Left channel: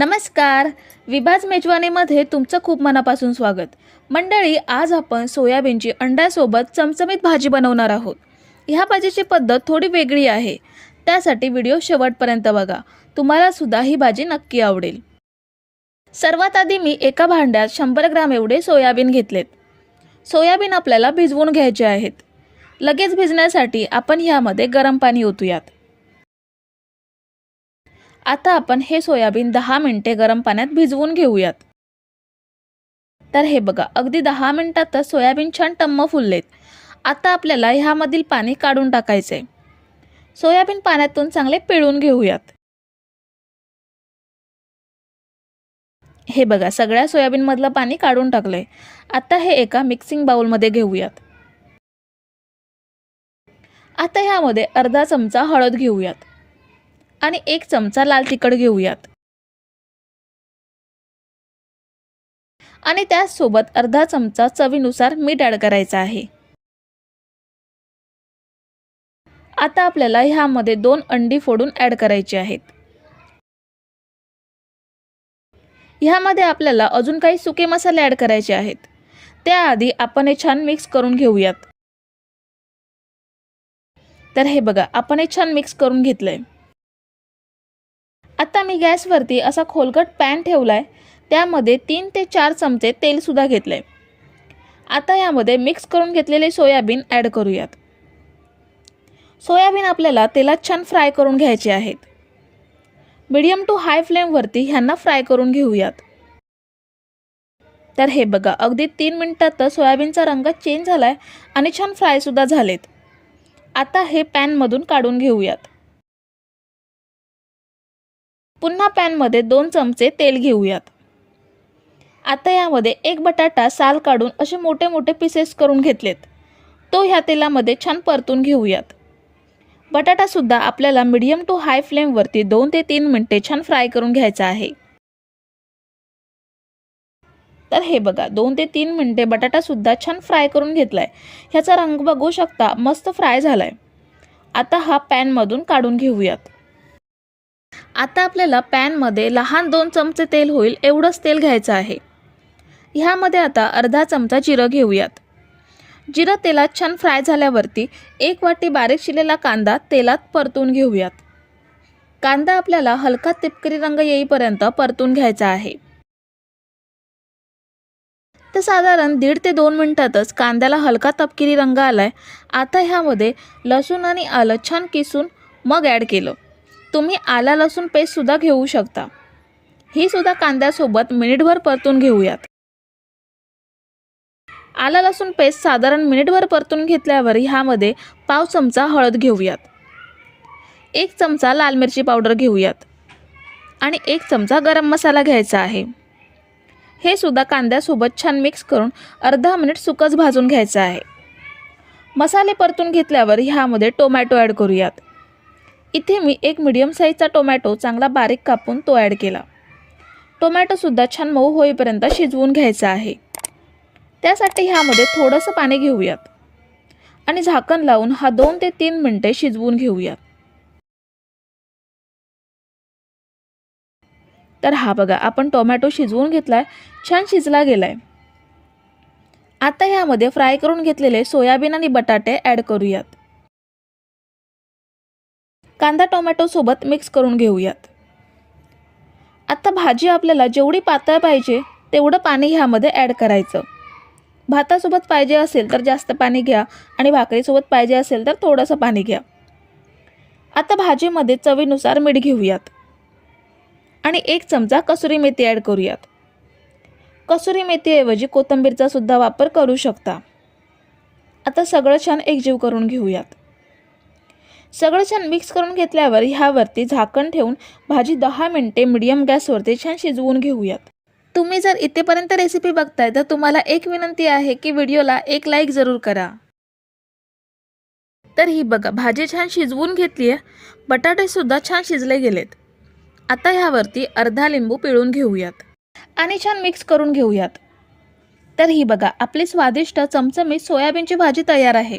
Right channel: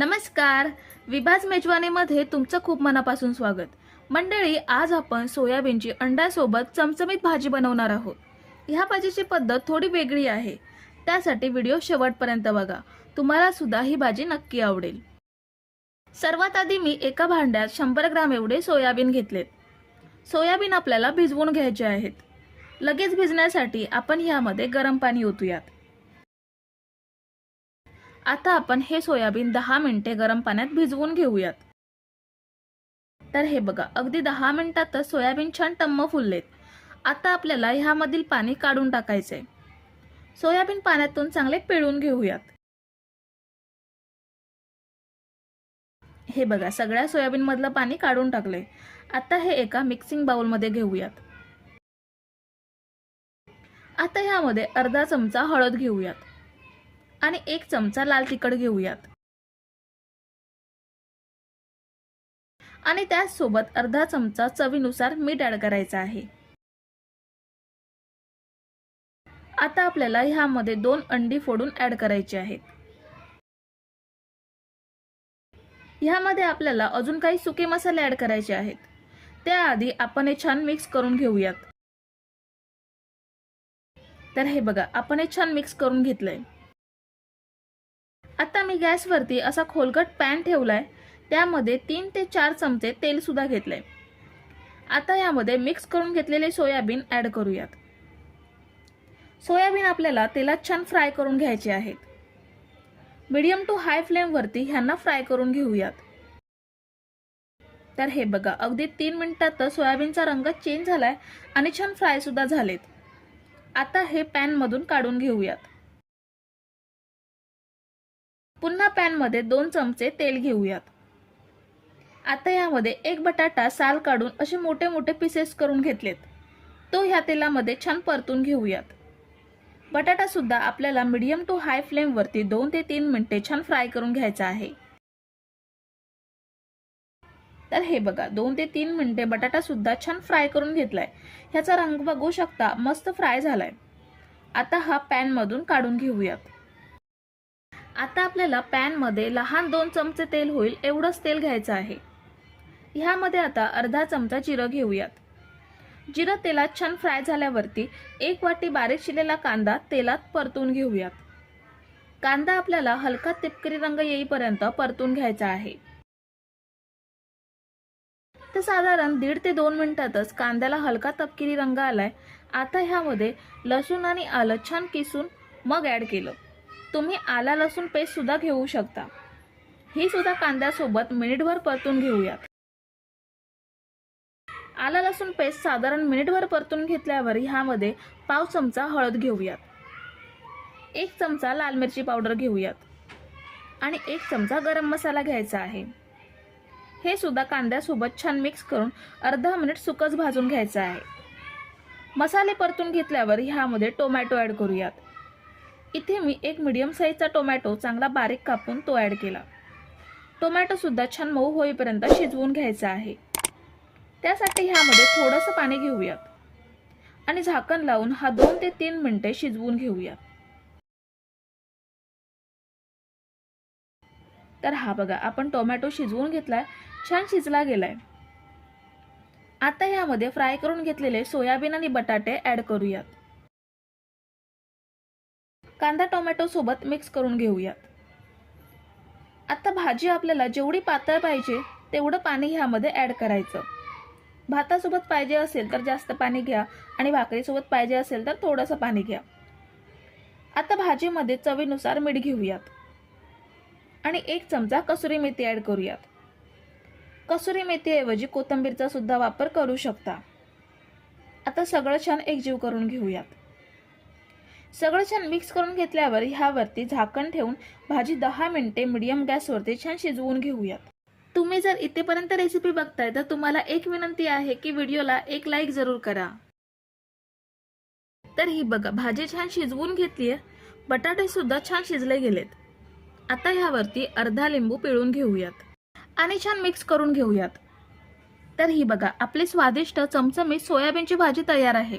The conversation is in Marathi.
नमस्कार. विभाज मेजवानीमध्ये तुमचं खूप मनापासून स्वागत. मंडळी आज आपण सोयाबीनची अंड्यासोबत चमचमीत भाजी बनवणार आहोत. ह्या भाजीची पद्धत थोडी वेगळी आहे. त्यासाठी व्हिडिओ शेवटपर्यंत बघा. तुम्हाला सुद्धा ही भाजी नक्की आवडेल. सर्वात आधी मी एका भांड्यात शंभर ग्राम एवढे सोयाबीन घेतलेत. सोयाबीन आपल्याला भिजवून घ्यायचे आहेत. लगेच भिजण्यासाठी आपण ह्यामध्ये गरम पाणी ओतूयात. आता आपण हे सोयाबीन दहा मिनटे गरम पाण्यात भिजवून घेऊयात. तर हे बघा अगदी दहा मिनटातच सोयाबीन छान टम्म फुललेत. आता आपल्याला ह्यामधील पाणी काढून टाकायचे सोयाबीन पाण्यातून चांगले पिळून घेऊयात. हे बघा सगळ्या सोयाबीनमधलं पाणी काढून टाकलंय. आता हे एका मिक्सिंग बाउलमध्ये घेऊयात. आता ह्यामध्ये अर्धा चमचा हळद घेऊयात. आणि एक चमचा लाल तिखट घेऊयात. आणि त्यासोबत अर्धा चमचा चवीनुसार मीठ ॲड करायचं आहे. आता आपल्याला ह्यामध्ये दोन अंडी फोडून ॲड करायची आहेत. ह्यामध्ये आपल्याला अजून काही सुके मसाले ॲड करायचे आहेत. त्याआधी आपण हे छान मिक्स करून घेऊयात. तर हे बघा आपण हे छान मिक्स करून घेतलंय. आता मी गॅसवरती असा खोलगट पॅन ठेवला आहे त्यामध्ये तीन ते चार चमचे तेलसुद्धा घेतलं आहे आता यामध्ये मिक्स करून घेतलेले सोयाबीन ॲड करूयात. सोयाबीन आपल्याला तेलात छान फ्राय करून घ्यायचे आहेत. मिडियम टू हाय फ्लेमवरती ह्यांना फ्राय करून घेऊयात. तर हे बघा अगदी तीन मिनिटातच सोयाबीनचा रंग चेंज झाला आहे आणि छान फ्रायसुद्धा झालेत. आता हे पॅनमधून काढून घेऊयात. पुन्हा पॅनमध्ये दोन चमचे तेल घेऊयात. आता यामध्ये एक बटाटा साल काढून असे मोठे मोठे पीसेस करून घेतलेत. तो ह्या तेलामध्ये छान परतून घेऊयात. बटाटासुद्धा आपल्याला मिडियम टू हाय फ्लेमवरती दोन ते तीन मिनटे छान फ्राय करून घ्यायचा आहे. तर हे बघा दोन ते तीन मिनटे बटाटासुद्धा छान फ्राय करून घेतला आहे ह्याचा रंग बघू शकता मस्त फ्राय झालाय. आता हा पॅनमधून काढून घेऊयात. आता आपल्याला पॅनमध्ये लहान दोन चमचे तेल होईल एवढंच तेल घ्यायचं आहे. ह्यामध्ये आता अर्धा चमचा जिरं घेऊयात. जिरं तेलात छान फ्राय झाल्यावरती एक वाटी बारीक शिलेला कांदा तेलात परतून घेऊयात. कांदा आपल्याला हलका तिपकरी रंग येईपर्यंत परतून घ्यायचा आहे. तर साधारण दीड ते दोन मिनटातच कांद्याला हलका तपकिरी रंग आलाय. आता ह्यामध्ये लसूण आणि आलं छान किसून मग ॲड केलं. तुम्ही आला लसूण पेस्टसुद्धा घेऊ शकता. ही सुद्धा कांद्यासोबत मिनिटभर परतून घेऊयात. आला लसूण पेस्ट साधारण मिनिटभर परतून घेतल्यावर ह्यामध्ये पाव चमचा हळद घेऊयात. एक चमचा लाल मिरची पावडर घेऊयात. आणि एक चमचा गरम मसाला घ्यायचा आहे. हे सुद्धा कांद्यासोबत छान मिक्स करून अर्धा मिनिट सुकच भाजून घ्यायचं आहे. मसाले परतून घेतल्यावर ह्यामध्ये टोमॅटो ॲड करूयात. इथे मी एक मिडियम साईजचा टोमॅटो चांगला बारीक कापून तो ॲड केला. टोमॅटोसुद्धा छान मऊ होईपर्यंत शिजवून घ्यायचा आहे. त्यासाठी ह्यामध्ये थोडंसं पाणी घेऊयात. आणि झाकण लावून हा दोन ते तीन मिनटे शिजवून घेऊयात. तर हा बघा आपण टोमॅटो शिजवून घेतलाय छान शिजला गेलाय. आता ह्यामध्ये फ्राय करून घेतलेले सोयाबीन आणि बटाटे ॲड करूयात. कांदा टोमॅटोसोबत मिक्स करून घेऊयात. आत्ता भाजी आपल्याला जेवढी पातळ पाहिजे तेवढं पाणी ह्यामध्ये ॲड करायचं. भातासोबत पाहिजे असेल तर जास्त पाणी घ्या आणि भाकरीसोबत पाहिजे असेल तर थोडंसं पाणी घ्या. आता भाजीमध्ये चवीनुसार मीठ घेऊयात. आणि एक चमचा कसुरी मेथी ॲड करूयात. कसुरी मेथीऐवजी कोथंबीरचा सुद्धा वापर करू शकता. आता सगळं छान एकजीव करून घेऊयात. सगळं छान मिक्स करून घेतल्यावर ह्यावरती झाकण ठेवून भाजी दहा मिनटे मिडियम गॅसवरती छान शिजवून घेऊयात. तुम्ही जर इथेपर्यंत रेसिपी बघताय तर तुम्हाला एक विनंती आहे की व्हिडिओला एक लाईक जरूर करा. तर ही बघा भाजी छान शिजवून घेतली आहे. बटाटेसुद्धा छान शिजले गेलेत. आता ह्यावरती अर्धा लिंबू पिळून घेऊयात आणि छान मिक्स करून घेऊयात. तर ही बघा आपली स्वादिष्ट चमचमीत सोयाबीनची भाजी तयार आहे.